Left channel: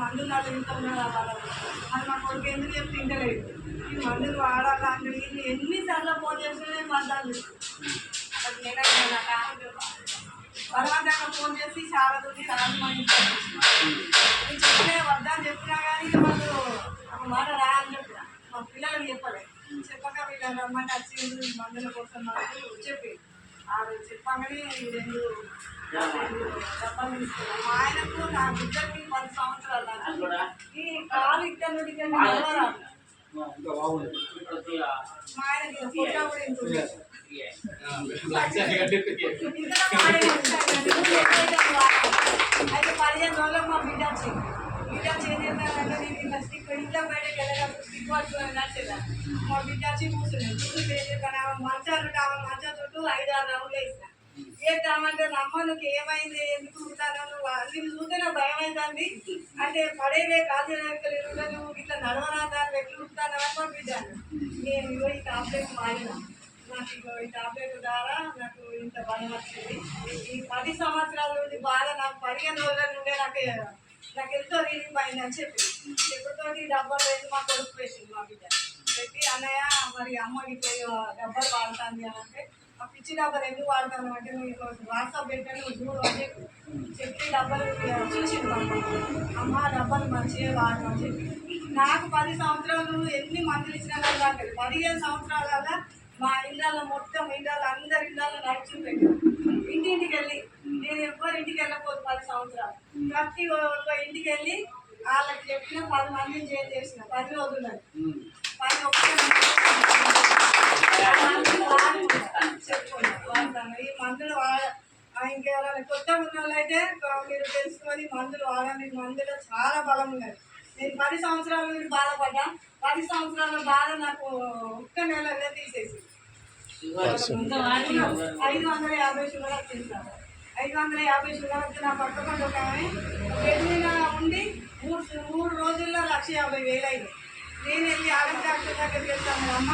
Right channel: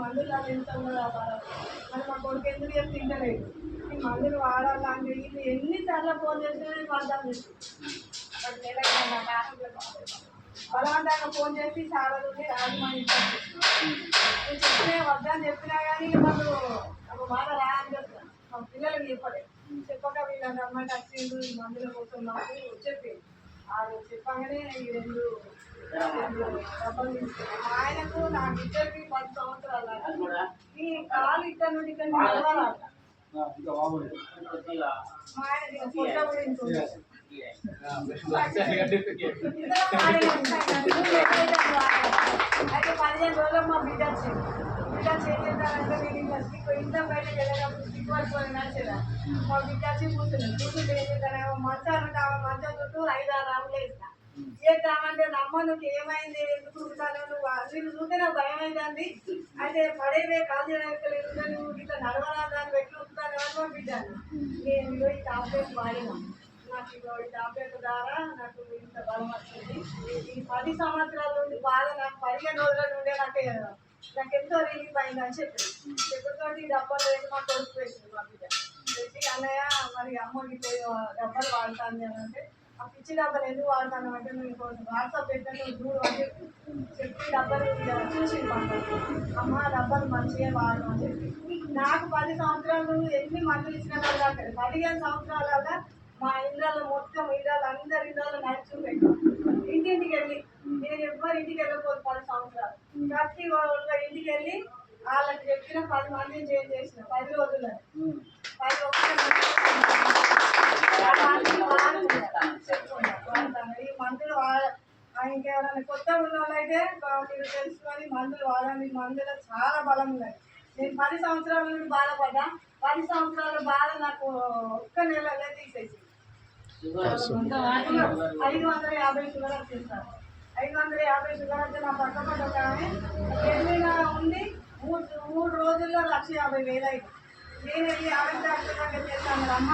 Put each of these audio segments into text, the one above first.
మందులు అది తింటాం అది మా కొడుకు ఎందుకు చెప్పి తింటలేదు. ఈ మందులు వాడాలంటే ఇది ఎన్నిసార్లు ఫోన్ చేస్తే వద్దాను బలవంతంగా ఫోన్ చేసి చాలా రోజు రాజు మా ఇంట్లో నేను చెప్పినా వద్దని చెప్పినా కానీ వాళ్ళు ఒక మాట రాని చెప్పిన మా పిల్లలకు చెప్పలేదు. చెప్పక వీళ్ళని రమ్మంటే వచ్చిండు ఈ మందుల కోసం నాకు చెప్పి ఆ రోజు చెప్పగానే ఈ రెండు డబ్బాలు తీసుకున్నాం. మా ఆయనకు నా బిడ్డకి 10 సంవత్సరాలు ఈ కాలు ఇక్కడ నుండి ఇక్కడ నడవరాదు. మా ఆయనకి ఫోటో కూడా ఇంటుంది. అయితే 15 రోజులకు మా బిడ్డ వచ్చింది. బిడ్డ చేద్దామంటే నేను ఇంకా స్టిక్ ఇంట్లో బయటకు వెళ్ళేటప్పుడు స్టిక్ పట్టుకొని నడిచేదా. మా బిడ్డ వచ్చి కూర్చుంది ఏం చేస్తాను ఆమె మంచం చుట్టూ 5-6 రౌండ్లు వేసిన చేద్దామంటే నమ్మ నువ్వు ఏమైంది ఎందుకు ఉంటాను నీకు చూస్తే నాకు భయం అవుతుంది అంటే పడేవే కాలు చేయలేదు నువ్వు ఇట్లా నడవరాదా ఎట్లు ఉంటాను అని పంపించాను. నేను ఇగో ఈ టాబ్లెట్ వాడినా నాకు ఇగో ఈ టాబ్లెట్ ద్వారా నాకు ఇంత బలం వచ్చింది. ఈ 10 సంవత్సరాల నుండి బాగా నాకు 15 రోజుల నుండే నాకు ఎంతో రిలీఫ్ అయింది అని చెప్పి ఎప్పటితోటి డబ్బాలు వేసి మా కొడుకు వేసింది మా బిడ్డ పెట్టి అన్నయ్య మరి అమ్మ ఇట్లా డబ్బాలు వాడుతుంది అని అంటే ఆ పిచ్చి డబ్బాలు ఎందుకు వాడతాను అంటే నువ్వు వాట్సాప్ పెట్టాను నువ్వు చూడు అని చెప్పి డబ్బాలు చూసింది అమ్మ డబ్బాలు మంచిగా వాడడం అని చెప్పి నాకు 10 సంవత్సరాలు ఎన్ని మందులు ఇచ్చినా కదా 15 సంవత్సరాల మా ఇళ్ళల్లో మొత్తం ఇళ్ళల్లో అందరి ఇళ్ళల్లో నైట్ చూపెట్టాను. ఇంటింటికి వెళ్ళి నేను ఎవ్వరు ఇంటికి వెళ్ళకపోదు 10 సంవత్సరాలు ప్రతి ఒక్క ఇంటికి వెళ్ళి వాళ్ళకి చెప్పిన 10 మందిని చేంజ్ చేసిన 10 రోజుల్లో 10 చెప్పుకున్నాను. ఈ మందులు ఇంకెవరైనా కొత్త ఉన్న వాళ్ళైతే మీరు తెలుసుకొని మందులు వాడండి. మందులో చాలా బలం ఉన్నది. నేను 10 సంవత్సరాల నుండి బాధపడ్డా 10 సంవత్సరాల బాధ నాకు ఒక్క నెలనే తీసేసి 550 షుగర్ వచ్చింది సార్. 550 షుగర్ వచ్చి నా పక్క పడ్డ ఒక ఆమె బెడ్ మీద ఉండి 3 రోజుల్లో 1,50,000 అయింది. నేను వెళ్ళి ఆరోగ్య డాక్టర్ దగ్గరికి వెళ్తాను అమ్మ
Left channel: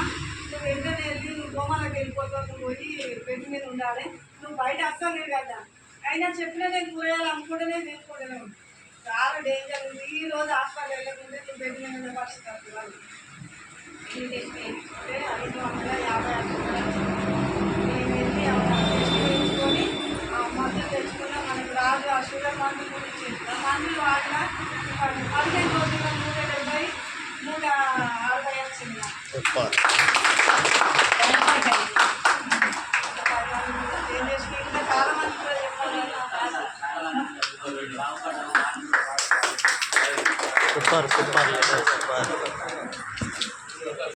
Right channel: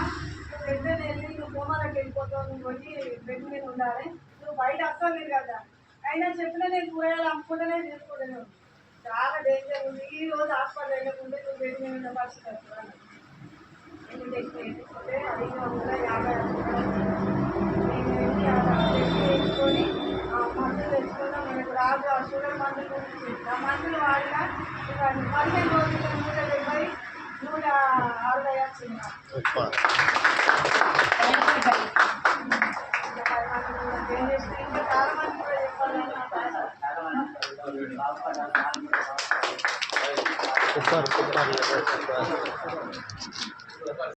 నువ్వు వెంటనే వెళ్ళి నువ్వు కోమాలకు వెళ్ళిపోతావు నువ్వు పోయి బెడ్ మీద ఉండాలి నువ్వు బయట వస్తావు కదా అయినా చెప్పినా నేను కూరగాయలు అమ్ముకుంటేనే తీసుకుంటూనే ఉంది. చాలా డేంజర్ ఉంది. ఈ రోజు హాస్పిటల్ వెళ్ళకుంటే నువ్వు బెడ్ మీద ఉన్న పరిస్థితి వస్తుంది. ఎన్ని టెస్ట్ వేయించుకుంటే 550 నేను వెళ్ళి టెస్ట్ వేయించుకొని ఆ మందులు తెచ్చుకున్నా మనకు రాదు ఆ షుగర్ మందులు గురించి ఆ మందులు వాడినా 15 రోజుల్లో 170 160 వచ్చింది. ఏం చేసి ఇంకా చాలా మంది కూడా చెప్పాలి.